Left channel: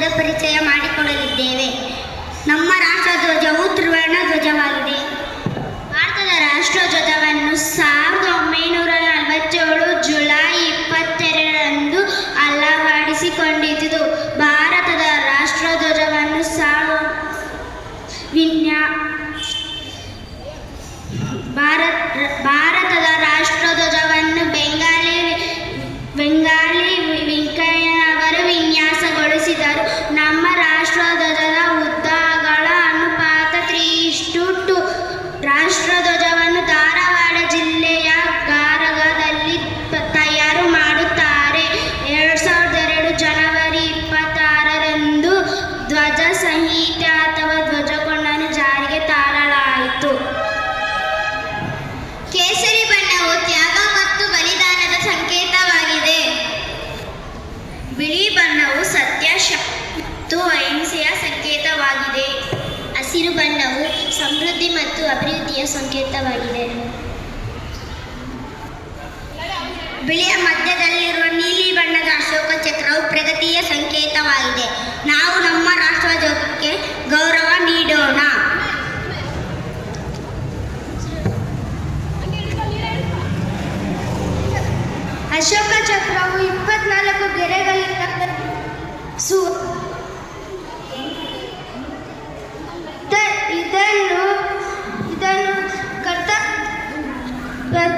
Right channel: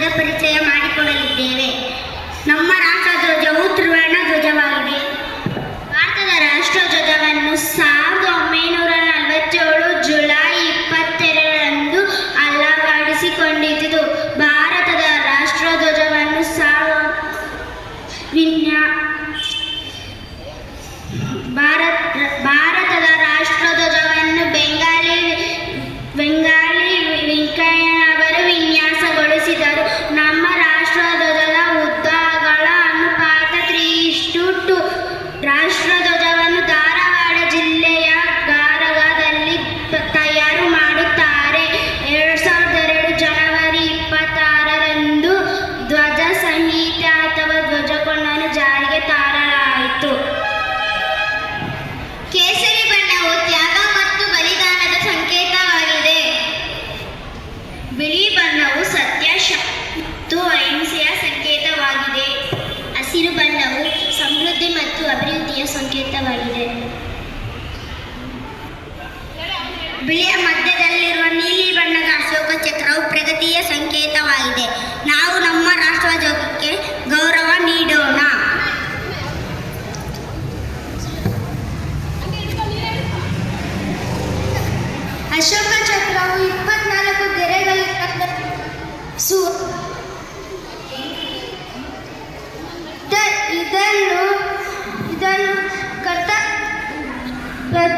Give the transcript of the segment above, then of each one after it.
ಧ್ವಜದ ಪರಿಚಯ ಮಾಡಿಕೊಳ್ಳಲಿದ್ದೇವೆ. ನಮ್ಮ ರಾಷ್ಟ್ರಧ್ವಜವು ತ್ರಿವರ್ಣ ಧ್ವಜವಾಗಿದೆ. ಭಾರತದ ರಾಷ್ಟ್ರಧ್ವಜವನ್ನು ಸಾವಿರದ ಒಂಬೈನೂರ ನಲವತ್ತೇಳು ಜುಲೈ ಇಪ್ಪತ್ತೆರಡರಂದು ಅಲವಡಿಸಿಕೊಂಡಿತು ಭಾರತದ ರಾಷ್ಟ್ರಧ್ವಜವನ್ನು ಸಾವ, ವಿನ್ಯಾ, ಭಾರತ, ಭಾರತದ ರಾಷ್ಟ್ರಧ್ವಜವನ್ನು ಬೆಂಗಾಲಿ ಬೆಂಗಾಲಿ ವೆಂಕಯ್ಯನವರು ಬಿಳಿ ಬಣ್ಣವು ಸತ್ಯ ಮತ್ತು ಅಹಿಂಸೆಯ ಸಂಕೇತವಾಗಿದೆ. ಹಸಿರು ಬಣ್ಣವು ಸಮೃದ್ಧಿ ಮತ್ತು ಅಭಿವೃದ್ಧಿಯ ಸಂಕೇತವಾಗಿದೆ. ಬಿಳಿಯ ಮಧ್ಯದಲ್ಲಿರುವ ನೀಲಿ ಬಣ್ಣದ ಅಶೋಕ ಚಕ್ರವು ಪ್ರಗತಿಯ ಸಂಕೇತವಾಗಿದೆ. ನಾವು ನಮ್ಮ ರಾಷ್ಟ್ರಧ್ವಜಕ್ಕೆ ಗೌರವ ನೀಡೋಣ. ಅಶೋಕ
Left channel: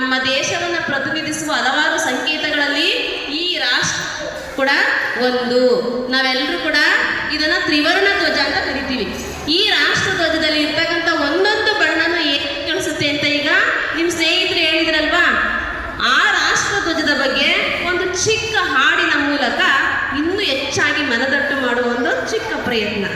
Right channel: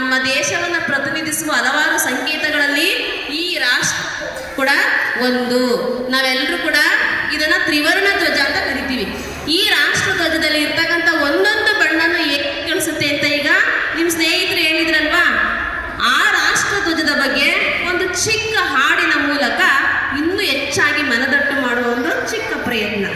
ನಮ್ಮ ದೇಶವನ್ನು ಪ್ರತಿನಿಧಿಸುವ ಹಲವಾರು ಸಂಕೇತಗಳಲ್ಲಿ ಈ ರಾಷ್ಟ್ರ ಕೂಡ ಒಂದು. ನಾವೆಲ್ಲರೂ ಕೂಡ ಇದನ್ನ ತ್ರಿವರ್ಣ ಧ್ವಜ ಅಂತ ಕರಿತೀವಿ. ಈ ರಾಷ್ಟ್ರ ಧ್ವಜದಲ್ಲಿ ಇರ್ತಕ್ಕಂಥ ಒಂದೊಂದು ಬಣ್ಣನ ಏನ್ ಕಳಿಸುತ್ತೆ ಅಂತ ಈಗ ನಿಮ್ಮ ಸ್ನೇಹಿತರು ಹೇಳಿದ್ರಲ್ವಾ? ಆ ರಾಷ್ಟ್ರ ಧ್ವಜದ ಬಗ್ಗೆ ಒಂದು ಚಿಕ್ಕ ಹಾಡಿನ ಮೂಲಕ ಇನ್ನೂ ಹೆಚ್ಚಾಗಿ ಮನದಟ್ಟು ಮಾಡುವ ಒಂದು ಚಿಕ್ಕ ಪ್ರಯತ್ನ.